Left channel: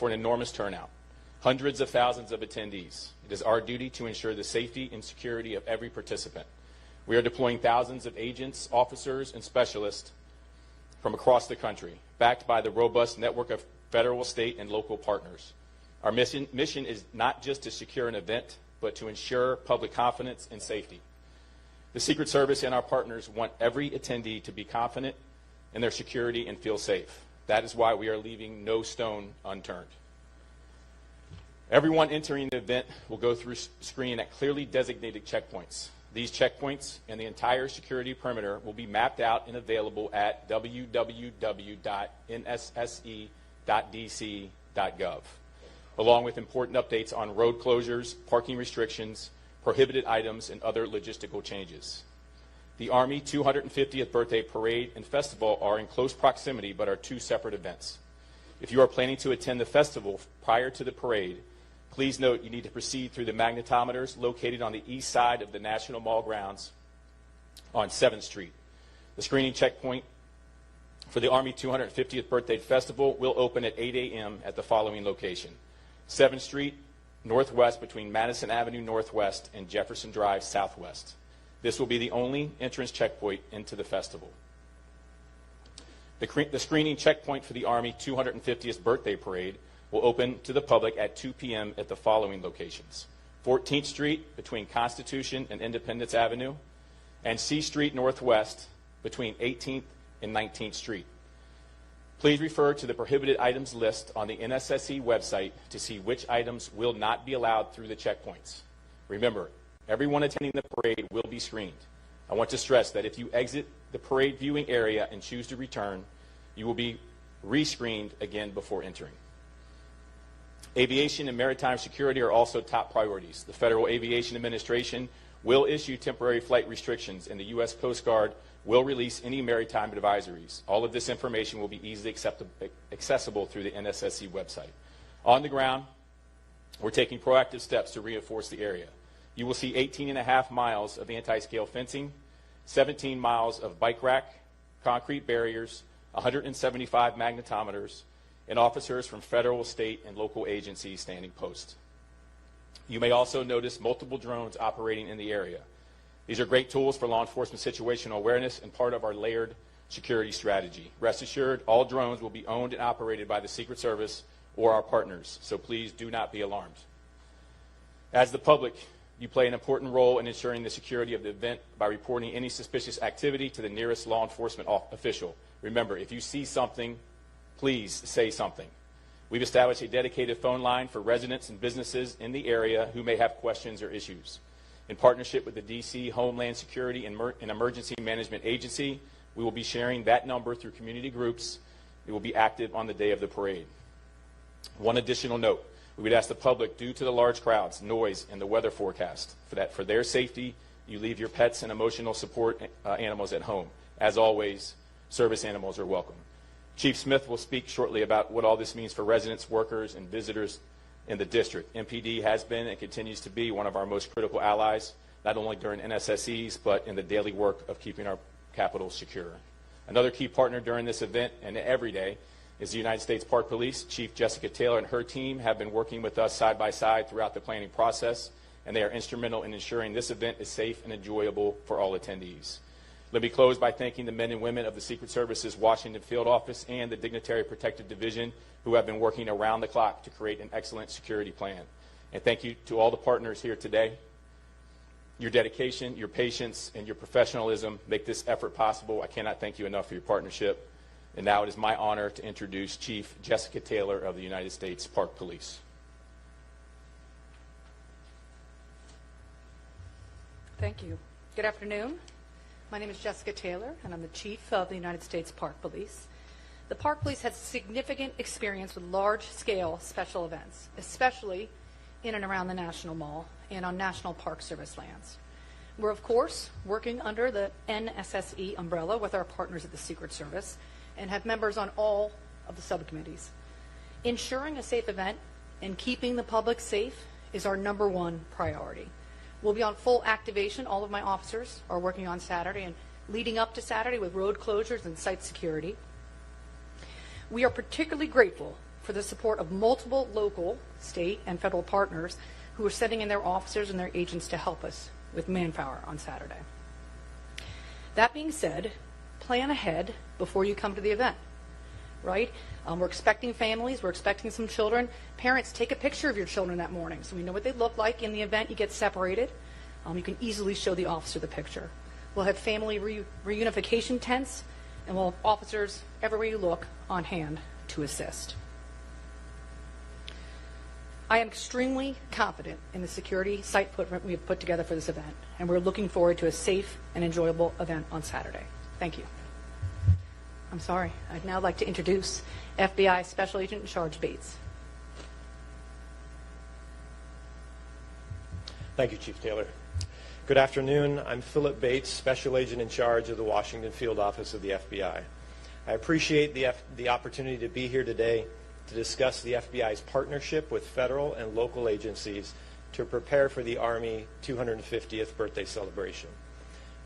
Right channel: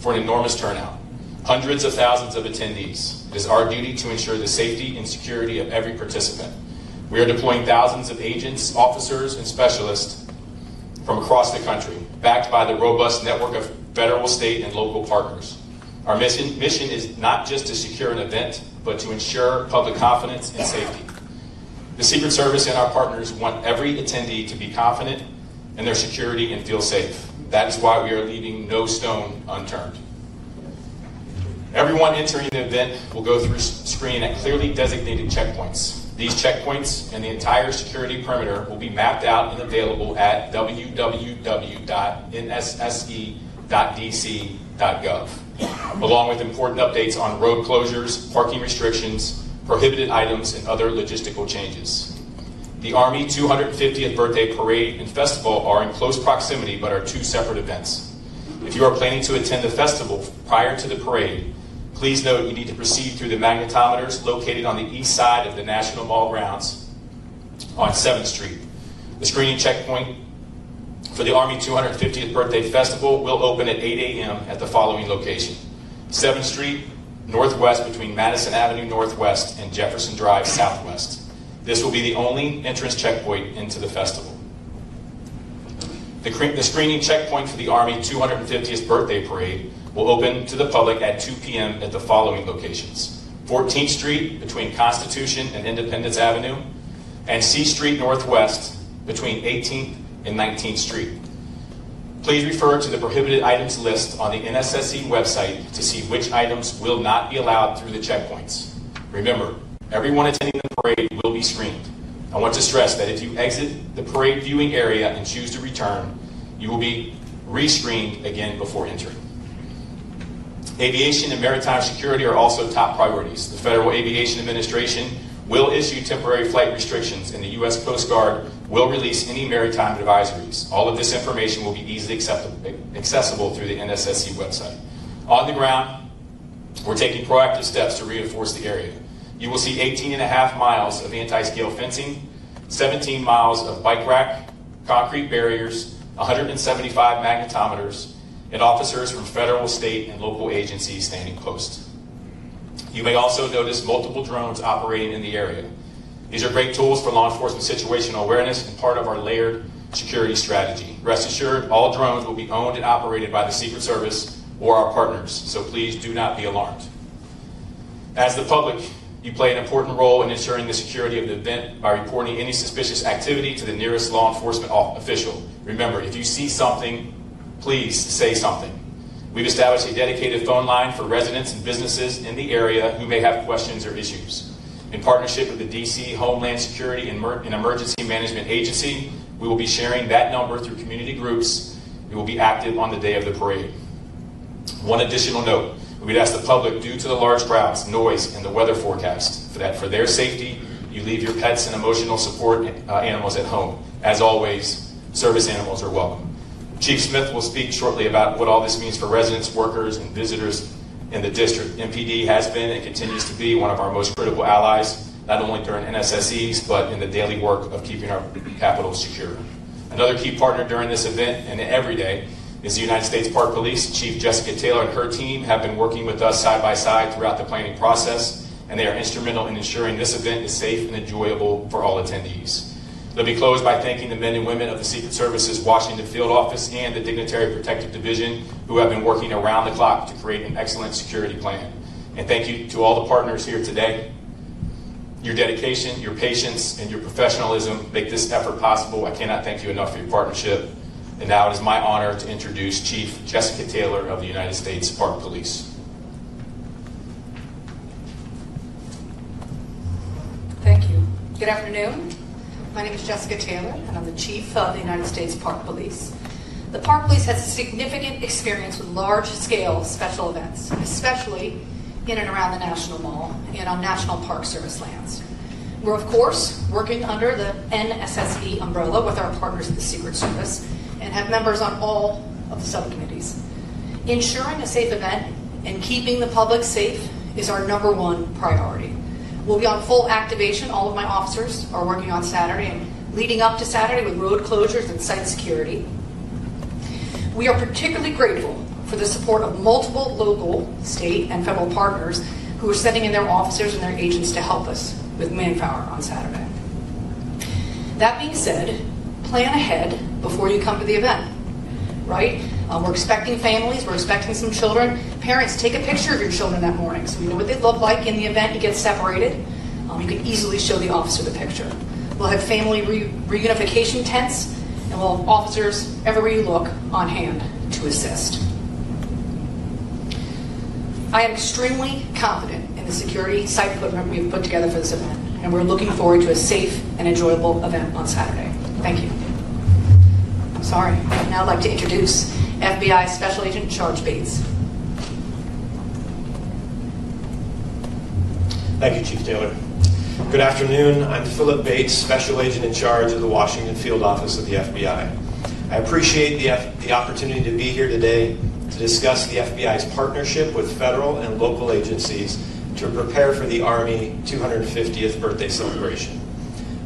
for an enormous turnout. Hundreds of thousands of attendees. It is our duty to ensure the safety and security of every participant. We are deploying thousands of agents, officers, and specialists from across the country, backed by the robust network of federal, state, and local partners. Our mission is not just to secure an event, but to ensure public confidence and safety. The Secret Service and our partners want every attendee to be confident in their security and feel safe. That is why we are leaving no stone unturned. Everyone entering the event will go through screening at clearly designated checkpoints. These checkpoints and the entire security perimeter will be mapped out and available at www.nsse.dc.gov, along with important updates on road closures, parking restrictions, prohibited items, and other logistical changes. The Army 250th Birthday Parade and Festival are in close proximity but are two separate events. If you are planning to attend the festival prior to the parade, please note you need to proceed through the magnetometers located on the east side of the National Mall grounds on 7th Street. The screening checkpoint for the Army 250th Birthday Festival will open at 8 a.m. at the following location: 7th Street Northwest between Madison Avenue Northwest and Jefferson Drive Southwest. This will be the only entrance checkpoint into the festival. The screening checkpoint for the Army 250th Birthday Parade will open to the public at 2 p.m. at the following locations: 14th Street between Constitution and Independence Avenue, and C Street Northwest between 18th and 19th Street. Please refer to the prohibited items list on the NSSE website to see which items will not be allowed through the checkpoints. Remember, everyone attending the parade will be screened. I want to stress that if you exit the parade viewing area and choose to return, you will be re-screened again before entering. Aviation and maritime security are also top priorities. The Federal Aviation Administration will issue temporary flight restrictions, and the U.S. Coast Guard will release any maritime advisories. All of this information will be easily accessible through the NSSE website. On the ground, we're taking proactive steps to reinforce the area. You will see 18.5 miles of anti-scale fencing, 17 miles of bike rack, concrete barriers, 175 magnetometers, and officers from federal, state, and local agencies standing post. You may also notice multiple drones operating in the area. These are great tools for law enforcement situational awareness and part of our layered security strategy. Rest assured, all drones will be owned and operated by the Secret Service or our partners, so please do not be alarmed. As the public, you play an important role in ensuring the security of the event by reporting any suspicious activity to the nearest law enforcement official. Remember, if you see something, please say something. We've established a dedicated phone line for residents and businesses in the area who may have questions or issues. In partnership with the D.C. Homeland Security and Emergency Management Agency, we will be sharing that number through community groups. We will be active on the day of the parade. One additional note, we'd ask the public, due to the large crowds, noise, and the weather forecast, that for their safety, you leave your pets and emotional support animals at home. As always, service animals are welcome. Chief Smith will speak shortly about what all this means for residents, workers, and visitors in the district. MPD has been and continues to be one of our most critical allies, not only during NSSEs, but in the daily work of keeping our capital secure. Another key partner during this event and every day is the United States Park Police. Chief Jessica Taylor and her team have been working with us side by side throughout the planning process, and they are instrumental in ensuring this event is safe and enjoyable for all attendees. Let me close by thanking the men and women of the Secret Service's Washington Field Office and the Dignitary Protective Division who have been working around the clock to create an excellent security plan. And thank you to all the partners here today. Your dedication, your patience, and your professionalism make this effort possible. I cannot thank you enough for your partnership. And now it is my honor to introduce Chief Jessica Taylor of the United States Park Police. Thank you. Good afternoon. My name is Jessica Taylor, and I'm the Chief of the United States Park Police. The Park Police has significant experience with large-scale special events, especially in and around the National Mall and on National Park Service lands. We're, of course, working under the NSSE umbrella with our partners at the Secret Service and have members on all of the subcommittees. Ensuring a safe event and keeping the public safe is our #1 priority. We'll be on full activation. All of my officers are working on Saturday and leading up to Saturday with road closures and site security. We are particularly grateful for the support of multiple local, state, and federal partners who are sending in their officers and their agents to help us with manpower on Saturday. That being said, plan ahead before you come to the event, right? We're expecting families, we're expecting some children. Parents, take a picture of your children that morning so we know what they look like in the event you get separated. You can easily show the officer the picture. We'll have family reunification tents, and we'll have officers everywhere you look on hand to assist. I am extremely confident in the security site footprint we've put together for this event, and we're looking forward to a safe and enjoyable event on Saturday. Thank you. I'm sorry. I'd now like to introduce FBI Special Agent Charge Bates. Thank you, Chief Taylor. Good afternoon. I'm Philip Bates, Special Agent in charge of the Washington Field Office of the FBI. I appreciate the opportunity to be here today to discuss the FBI's partnership with federal and local agencies to prepare for the Army 250th birthday celebration.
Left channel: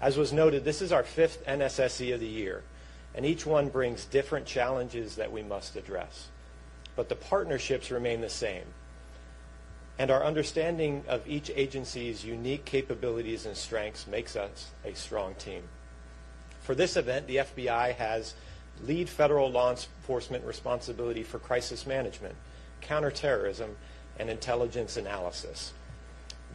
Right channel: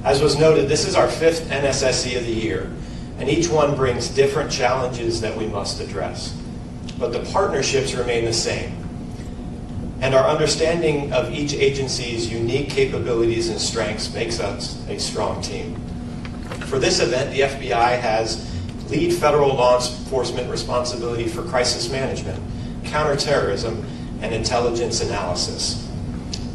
As was noted, this is our 5th NSSE of the year, and each one brings different challenges that we must address. But the partnerships remain the same. And our understanding of each agency's unique capabilities and strengths makes us a strong team. For this event, the FBI has lead federal law enforcement responsibility for crisis management, counterterrorism, and intelligence analysis.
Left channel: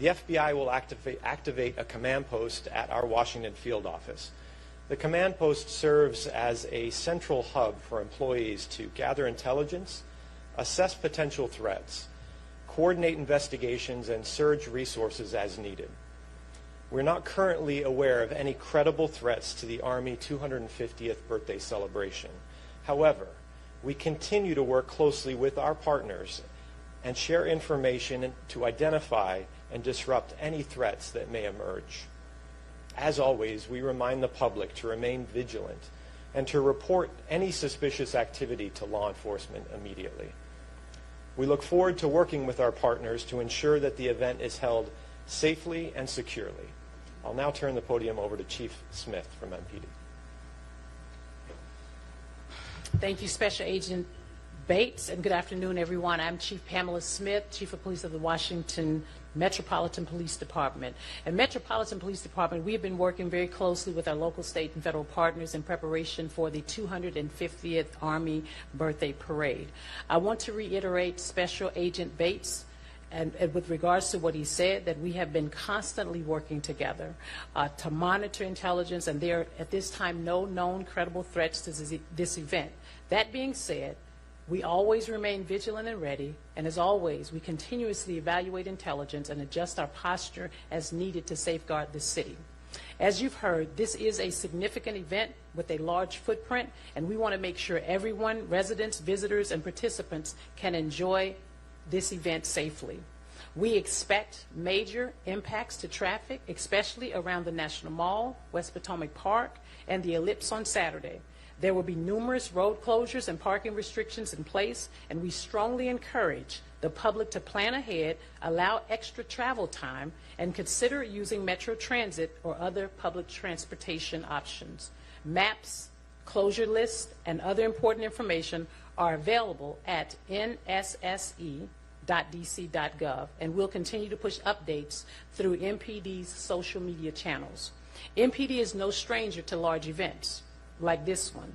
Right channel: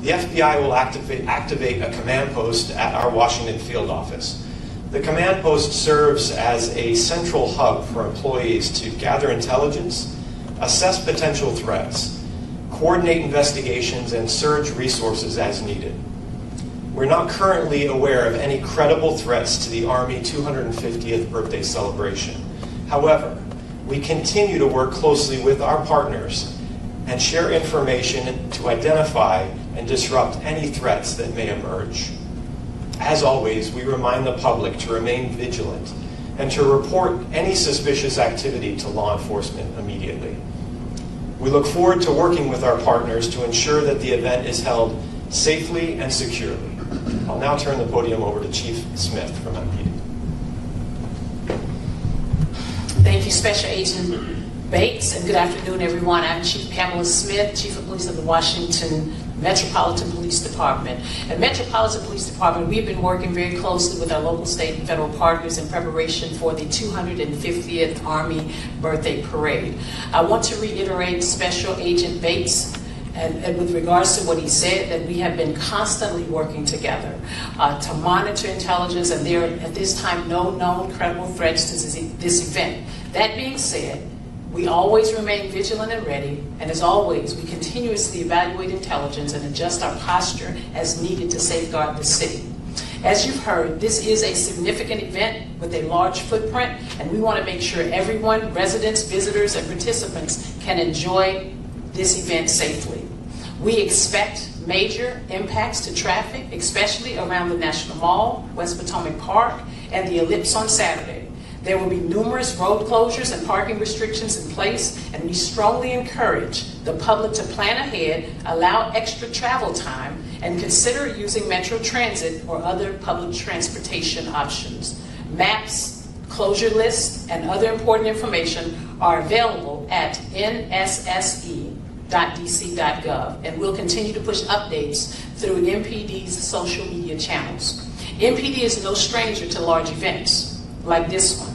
The FBI will activate a command post at our Washington field office. The command post serves as a central hub for employees to gather intelligence, assess potential threats, coordinate investigations, and surge resources as needed. We're not currently aware of any credible threats to the Army 250th birthday celebration. However, we continue to work closely with our partners and share information to identify and disrupt any threats that may emerge. As always, we remind the public to remain vigilant and to report any suspicious activity to law enforcement immediately. We look forward to working with our partners to ensure that the event is held safely and securely. I'll now turn the podium over to Chief Smith from MPD. Thank you, Special Agent Bates, and good afternoon, everyone. I'm Chief Pamela Smith, Chief of Police of the Washington Metropolitan Police Department. At Metropolitan Police Department, we've been working very closely with our local, state, and federal partners in preparation for the 250th Army Birthday Parade. I want to reiterate Special Agent Bates and with regards to what he said, that we have been constantly working together to monitor intelligence, and there are at this time no known credible threats to this event. That being said, we always remain vigilant and ready, and as always, we continuously evaluate intelligence and adjust our posture as needed to safeguard the city. As you've heard, this is a significant event with a large footprint, and we want to make sure everyone, residents, visitors, and participants can enjoy this event safely. We expect major impacts to traffic, especially around the National Mall, West Potomac Park, and the Ellipse on Saturday. There will be numerous road closures and parking restrictions in place, and we strongly encourage the public to plan ahead, allow extra travel time, and consider using Metro Transit or other public transportation options. Maps, closure lists, and other important information are available at nsse.dc.gov, and we'll continue to push updates through MPD's social media channels. MPD is no stranger to large events like this one.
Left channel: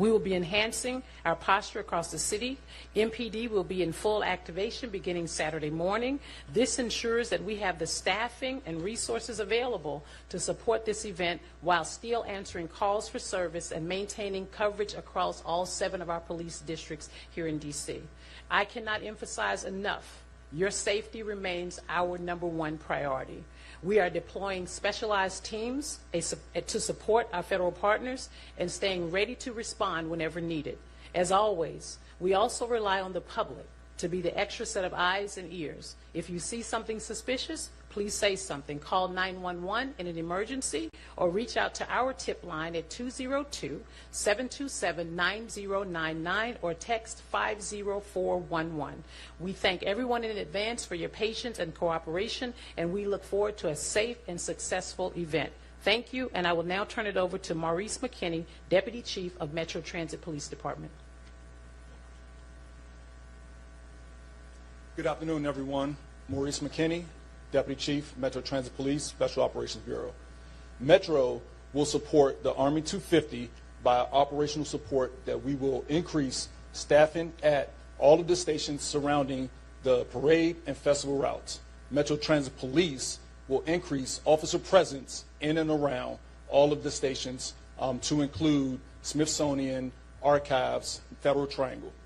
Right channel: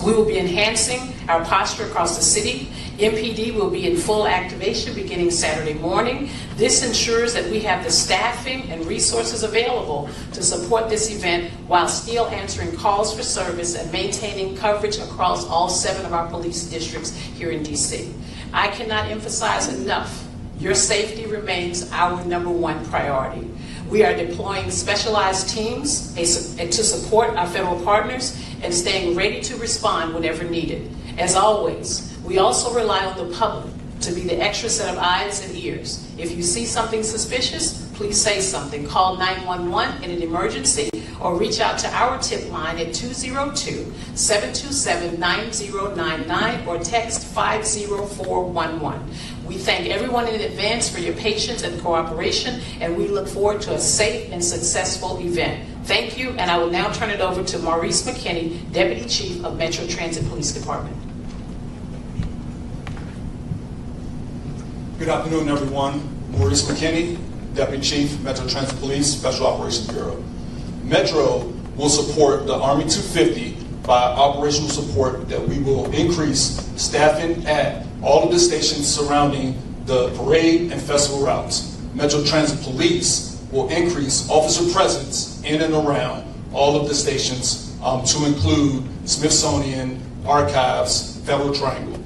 We will be enhancing our posture across the city. MPD will be in full activation beginning Saturday morning. This ensures that we have the staffing and resources available to support this event while still answering calls for service and maintaining coverage across all 7 of our police districts here in DC. I cannot emphasize enough, your safety remains our #1 priority. We are deploying specialized teams to support our federal partners and staying ready to respond whenever needed. As always, we also rely on the public to be the extra set of eyes and ears. If you see something suspicious, please say something. Call 911 in an emergency or reach out to our tip line at 202-727-9099 or text 50411. We thank everyone in advance for your patience and cooperation, and we look forward to a safe and successful event. Thank you, and I will now turn it over to Maurice McKinney, Deputy Chief of Metro Transit Police Department. Good afternoon, everyone. Maurice McKinney, Deputy Chief, Metro Transit Police, Special Operations Bureau. Metro will support the Army 250 by operational support that we will increase staffing at all of the stations surrounding the parade and festival routes. Metro Transit Police will increase officer presence in and around all of the stations to include Smithsonian, Archives, Federal Triangle.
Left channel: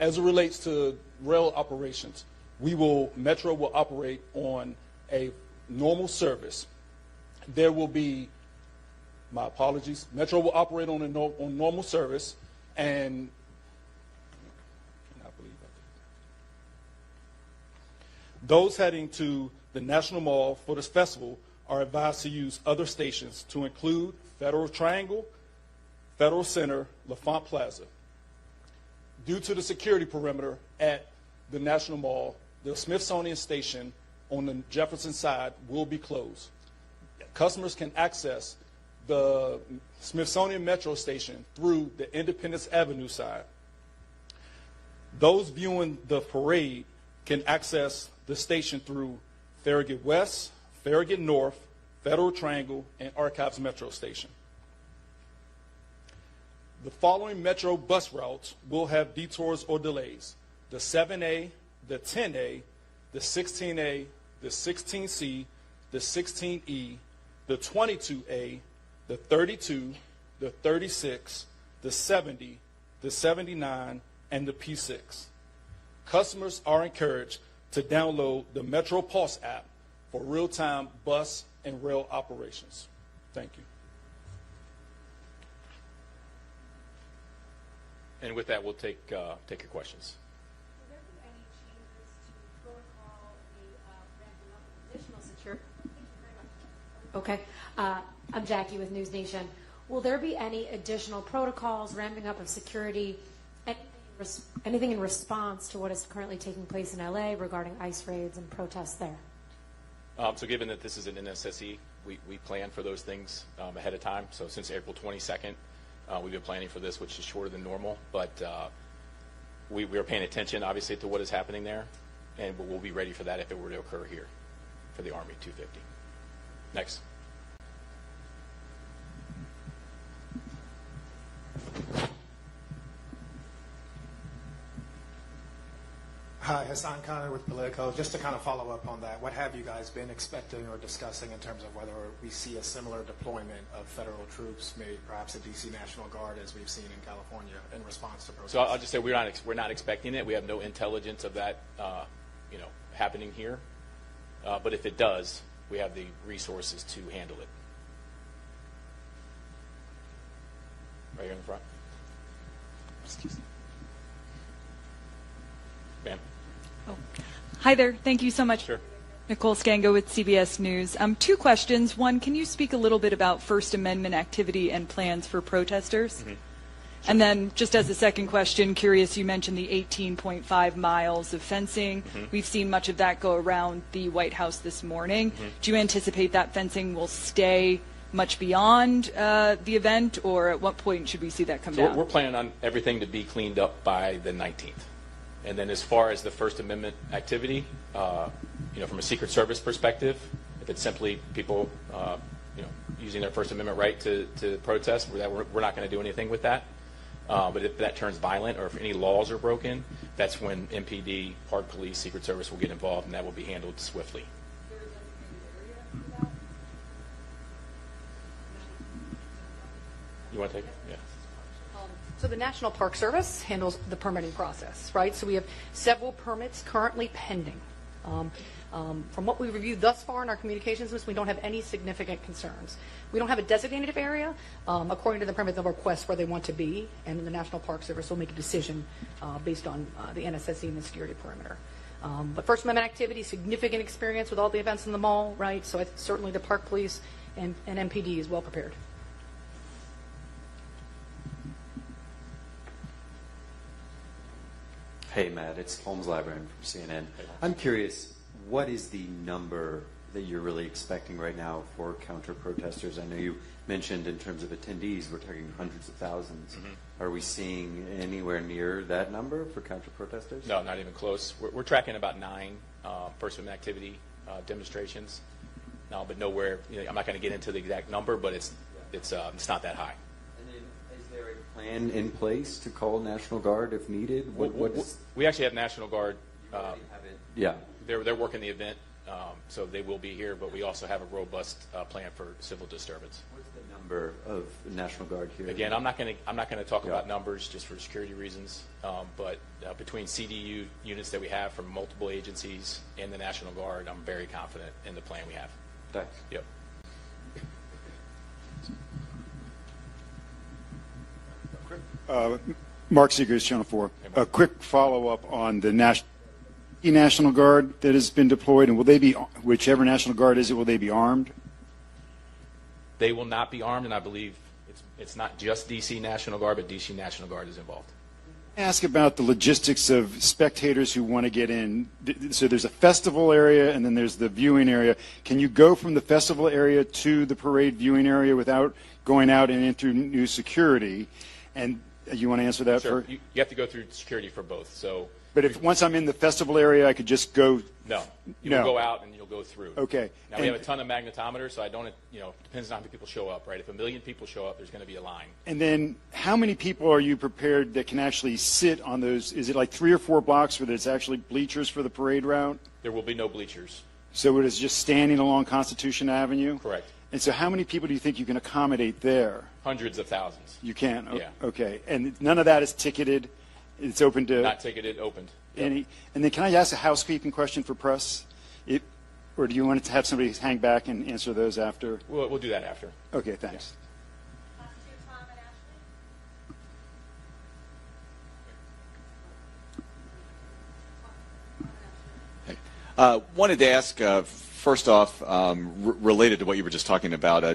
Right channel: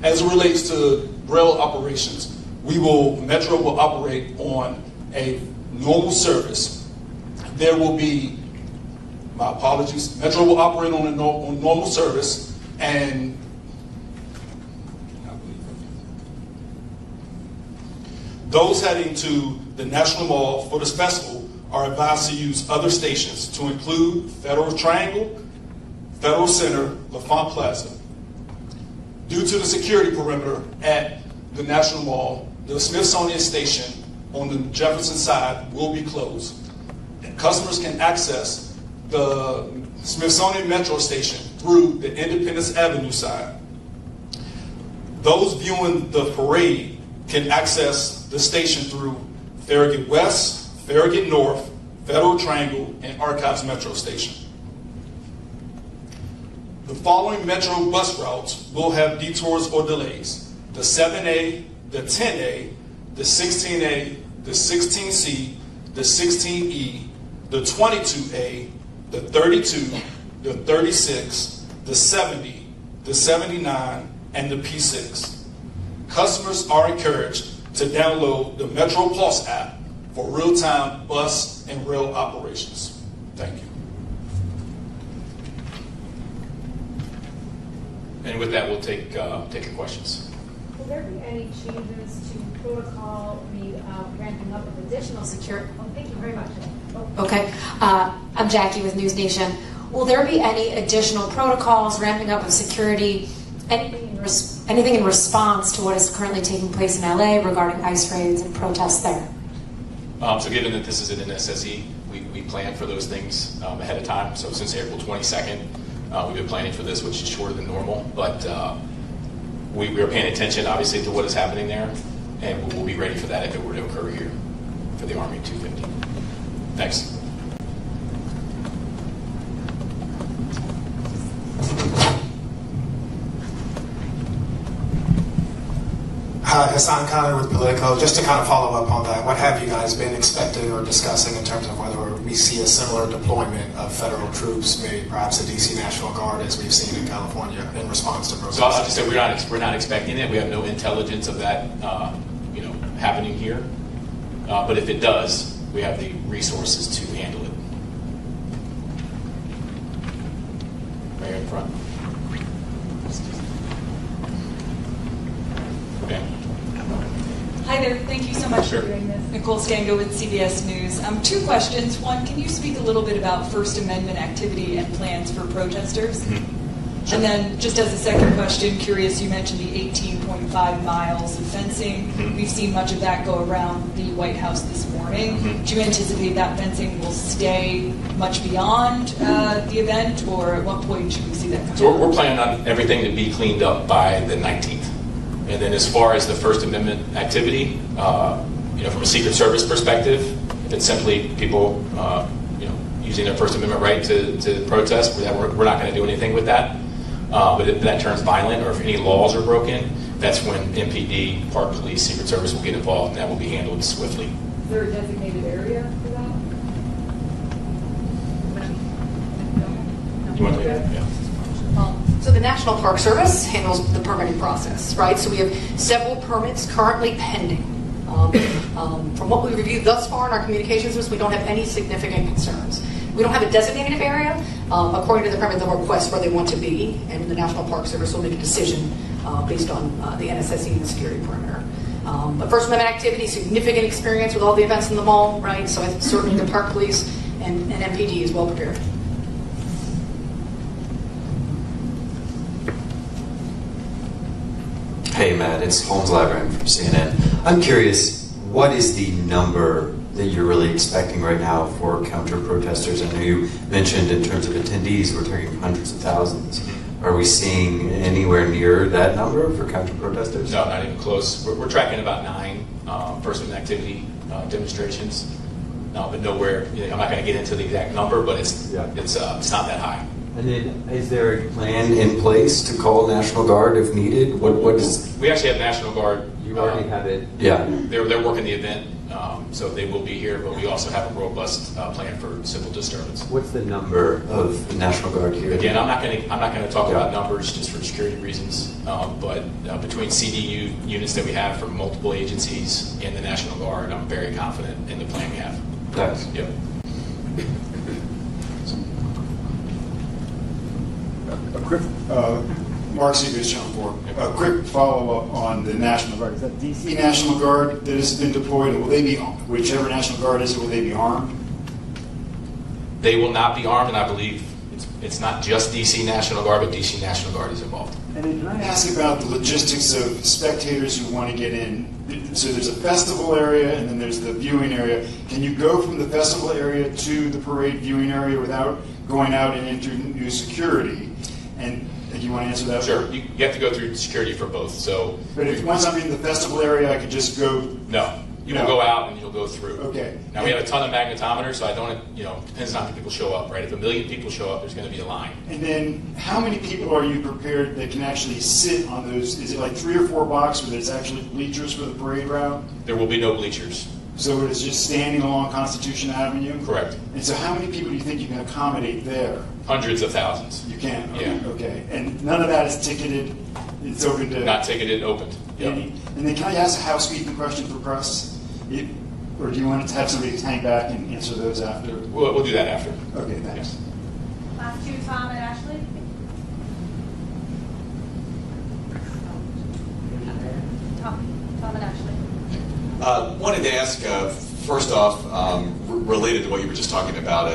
As it relates to rail operations, Metro will operate on a normal service. There will be, my apologies, Metro will operate on normal service, and those heading to the National Mall for this festival are advised to use other stations to include Federal Triangle, Federal Center, LaFont Plaza. Due to the security perimeter at the National Mall, the Smithsonian station on the Jefferson side will be closed. And customers can access the Smithsonian Metro station through the Independence Avenue side. Those viewing the parade can access the station through Farragut West, Farragut North, Federal Triangle, and Archives Metro Station. The following Metro bus routes will have detours or delays: the 7A, the 10A, the 16A, the 16C, the 16E, the 22A, the 32, the 36, the 70, the 79, and the P6. Customers are encouraged to download the Metro Pulse app for real-time bus and rail operations. Thank you. And with that, we'll take questions. Will there be any changes to protocol, ramping up of additional security? Oh, thank you very much. Oh. Okay. I'm Jackie with News Nation. Will there be any additional protocols, ramping up of security, anything in response to what is currently taking place in LA regarding ICE raids and protests there? So given that this is an NSSE, we plan for those things ahead of time. So since April 22nd, we've been planning for this, which is shorter than normal. But we are paying attention, obviously, to what is happening there. And we'll be ready for that if it were to occur here for the Army 250. Next. Hi, Hassan Khan with Politico. Just to kind of follow up on that, what have you guys been expecting or discussing in terms of whether we see a similar deployment of federal troops, maybe perhaps a DC National Guard as we've seen in California in response to protests? So I'll just say we're not expecting it. We have no intelligence of that happening here. But if it does, we have the resources to handle it. Right here in front. Okay. Hi there. Thank you so much Sure. for doing this. Nicole Stango with CBS News. Two questions. One, can you speak a little bit about First Amendment activity and plans for protesters? Mm-hmm. Sure. And then just as a second question, curious, you mentioned the 18.5 miles of fencing. Mm-hmm. We've seen much of that go around the White House this morning. Mm-hmm. Do you anticipate that fencing will stay much beyond the event, or at what point should we see that come So down? we're planning on everything to be cleaned up by the 19th. And then as far as the First Amendment activity, from a Secret Service perspective, it's simply people using their First Amendment right to protest. We're not going to do anything with that. But if that turns violent or if any laws are broken, that's when MPD, Park Police, Secret Service will get involved, and that will be handled swiftly. Is there a designated area for that? You want to leave that? Yeah. So the National Park Service handles the permitting process, right? So we have several permits currently pending. From what we reviewed thus far in our communications list, we don't have any significant concerns. We don't have a designated area. According to the permit, they'll request where they want to be, and the National Park Service will make a decision based on the NSSE and the security perimeter. But First Amendment activity, significant experience with all the events in the mall, right? So certainly the Park Police and MPD is well prepared. Hey Matt, it's Holmes Labyrinth from CNN. I'm curious, what is the number that you're really expecting right now for counter-protesters? I know you mentioned in terms of attendees, we're talking hundreds of thousands. Are we seeing anywhere near that number for counter-protesters? No, not even close. We're tracking about 9 First Amendment activity demonstrations, but nowhere. I'm not going to get into the exact number, but it's not that high. And then, is there a plan in place to call National Guard if needed? What is? We actually have National Guard. You already have it. Yeah. They're working the event, so they will be here. But we also have a robust plan for civil disturbance. What's the number of the National Guard here? Again, I'm not going to talk about numbers just for security reasons. But between CDU units that we have from multiple agencies and the National Guard, I'm very confident in the plan we have. Thanks. Yep. Mark Seegers, Channel 4. A quick follow-up on the National Guard. Is that DC National Guard that has been deployed? And will they be, whichever National Guard is it, will they be armed? They will not be armed, and I believe it's not just DC National Guard, but DC National Guard is involved. And then can I ask about the logistics of spectators who want to get in? So there's a festival area, and then there's the viewing area. Can you go from the festival area to the parade viewing area without going out and into new security? And you want to answer that? Sure. You have to go through security for both. So, but if once I'm in the festival area, I could just go. No, you'll go out and you'll go through. Okay. And we have a ton of magnetometers, so I don't. Depends on how many people show up, right? If 1 million people show up, there's going to be a line. And then, how many people are you prepared that can actually sit on those? Is it like 3 or 4 blocks where there's actually bleachers for the parade route? There will be no bleachers. So it's just standing along Constitution Avenue? Correct. And so how many people do you think you can accommodate there? Hundreds of thousands. You can? Okay. Yeah. Okay. And none of that is ticketed? It's open to... Not ticketed, opened. And then can I ask a housekeeping question for press? Or do you want to have somebody hang back and answer those after? We'll do that after. Okay, thanks. Last 2, Tom and Ashley. Tom and Ashley. Wanted to ask, first off, related to what you were just talking about,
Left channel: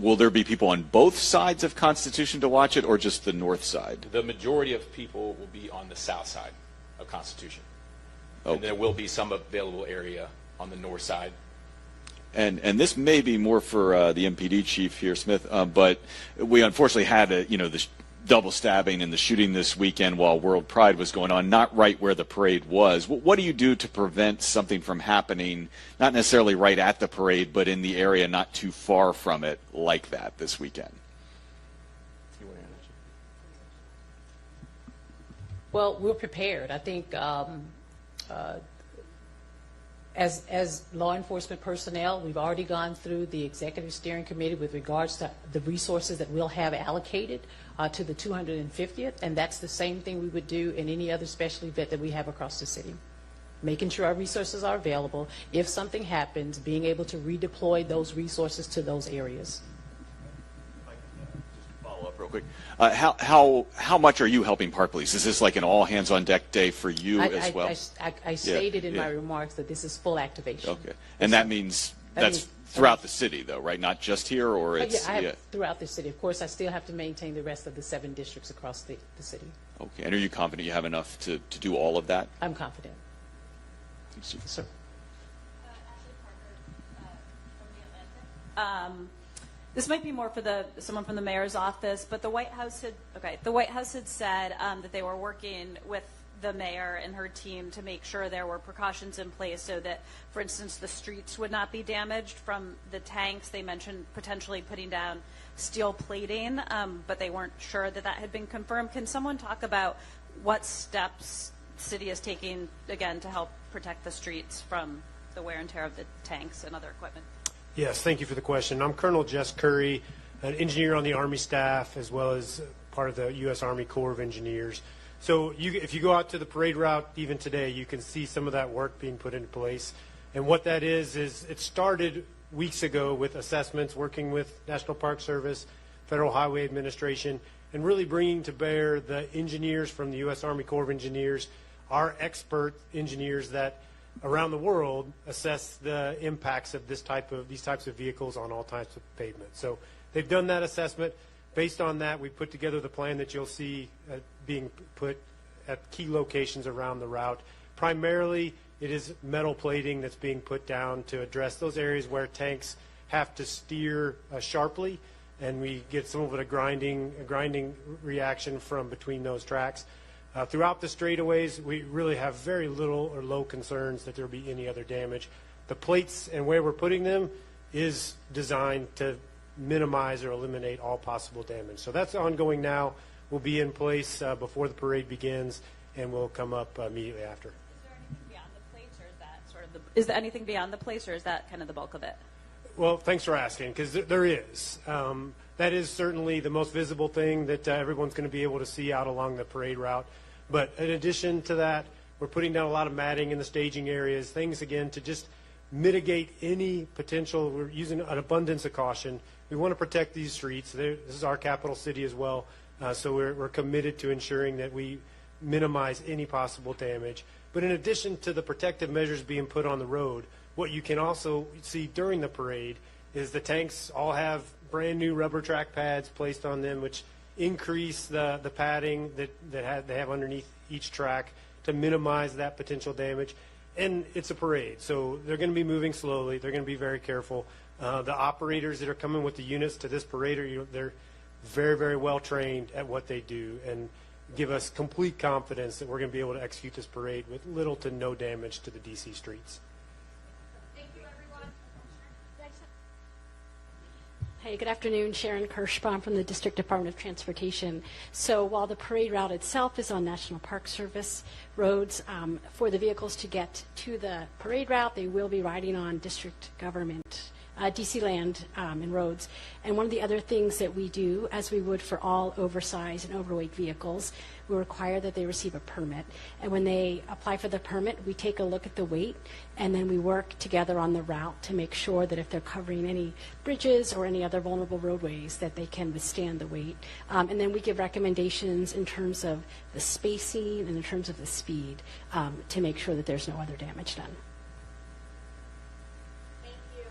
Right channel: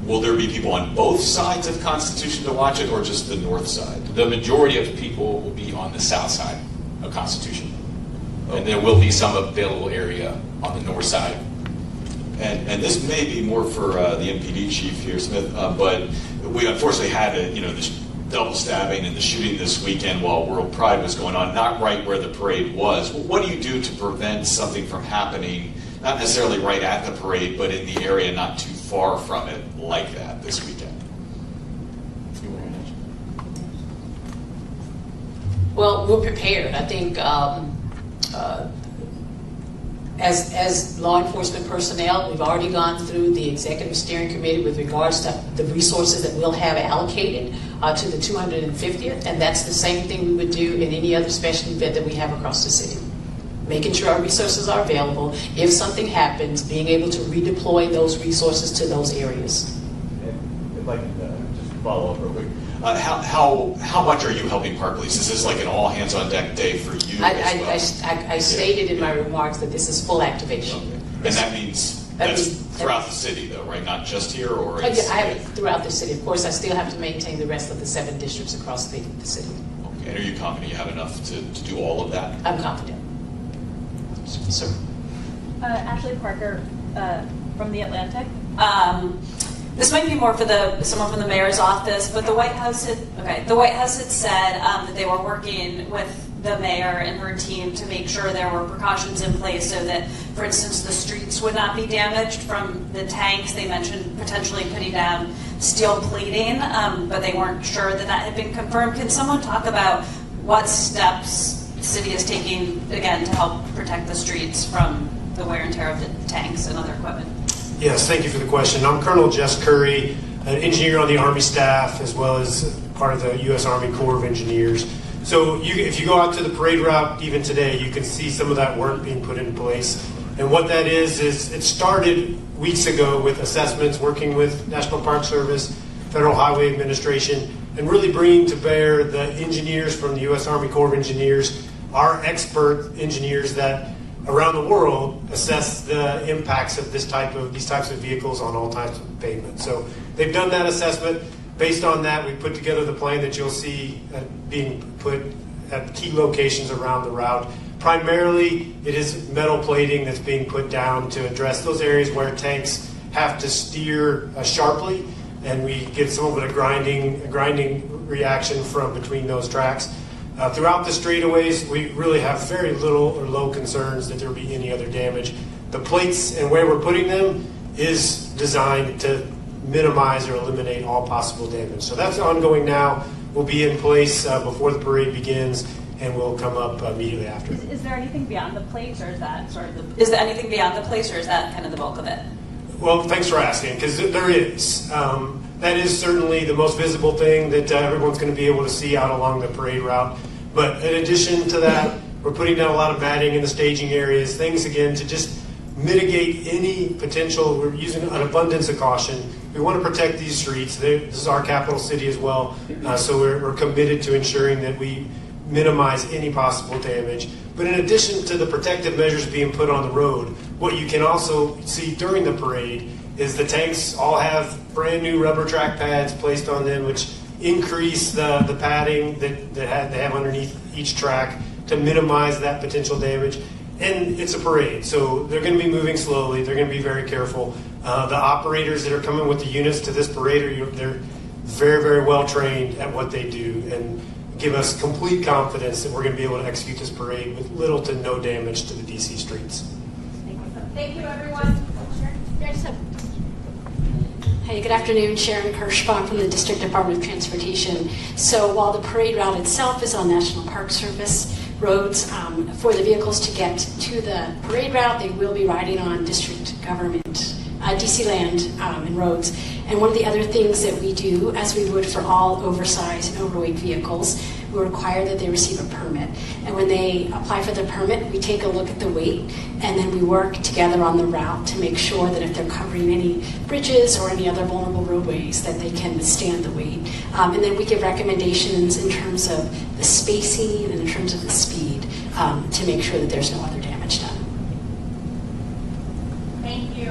will there be people on both sides of Constitution to watch it, or just the north side? The majority of people will be on the south side of Constitution. Okay. And there will be some available area on the north side. And this may be more for the MPD chief here, Smith, but we unfortunately had the double stabbing and the shooting this weekend while World Pride was going on, not right where the parade was. What do you do to prevent something from happening, not necessarily right at the parade, but in the area not too far from it like that this weekend? Well, we're prepared. I think as law enforcement personnel, we've already gone through the executive steering committee with regards to the resources that we'll have allocated to the 250th, and that's the same thing we would do in any other special event that we have across the city. Making sure our resources are available. If something happens, being able to redeploy those resources to those areas. If I can just follow up real quick. How much are you helping Park Police? Is this like an all-hands-on-deck day for you as well? I stated in my remarks that this is full activation. Okay. And that means that's throughout the city, though, right? Not just here, or it's... Throughout the city. Of course, I still have to maintain the rest of the 7 districts across the city. Okay. And are you confident you have enough to do all of that? I'm confident. Sir. Ashley Parker from The Atlantic. This might be more for someone from the mayor's office, but the White House had said that they were working with the mayor and her team to make sure there were precautions in place so that, for instance, the streets would not be damaged from the tanks. They mentioned potentially putting down steel plating, but they weren't sure that had been confirmed. Can someone talk about what steps the city is taking, again, to help protect the streets from the wear and tear of the tanks and other equipment? Yes, thank you for the question. I'm Colonel Jess Curry, an engineer on the Army staff, as well as part of the U.S. Army Corps of Engineers. So if you go out to the parade route even today, you can see some of that work being put in place. And what that is it started weeks ago with assessments, working with National Park Service, Federal Highway Administration, and really bringing to bear the engineers from the U.S. Army Corps of Engineers, our expert engineers that around the world assess the impacts of these types of vehicles on all types of pavement. So they've done that assessment. Based on that, we put together the plan that you'll see being put at key locations around the route. Primarily, it is metal plating that's being put down to address those areas where tanks have to steer sharply, and we did some of the grinding reaction from between those tracks. Throughout the straightaways, we really have very little or low concerns that there will be any other damage. The plates and where we're putting them is designed to minimize or eliminate all possible damage. So that's ongoing now. Will be in place before the parade begins, and will come up immediately after. Is there anything beyond the plates, or is that sort of the? Is there anything beyond the plates, or is that kind of the bulk of it? Well, thanks for asking, because there is. That is certainly the most visible thing that everyone's going to be able to see out along the parade route. But in addition to that, we're putting down a lot of matting in the staging areas, things again to just mitigate any potential. We're using an abundance of caution. We want to protect these streets. This is our capital city as well, so we're committed to ensuring that we minimize any possible damage. But in addition to the protective measures being put on the road, what you can also see during the parade is the tanks all have brand new rubber track pads placed on them, which increase the padding that they have underneath each track to minimize that potential damage. And it's a parade, so they're going to be moving slowly. They're going to be very careful. The operators that are coming with the units to this parade, they're very, very well trained at what they do, and give us complete confidence that we're going to be able to execute this parade with little to no damage to the DC streets. Thank you, everyone. Hey, good afternoon. Sharon Kirschbaum from the District Department of Transportation. So while the parade route itself is on National Park Service roads, for the vehicles to get to the parade route, they will be riding on district government, DC land and roads. And one of the other things that we do, as we would for all oversized and overweight vehicles, we require that they receive a permit. And when they apply for the permit, we take a look at the weight, and then we work together on the route to make sure that if they're covering any bridges or any other vulnerable roadways, that they can withstand the weight. And then we give recommendations in terms of the spacing and in terms of the speed to make sure that there's no other damage done. Thank you.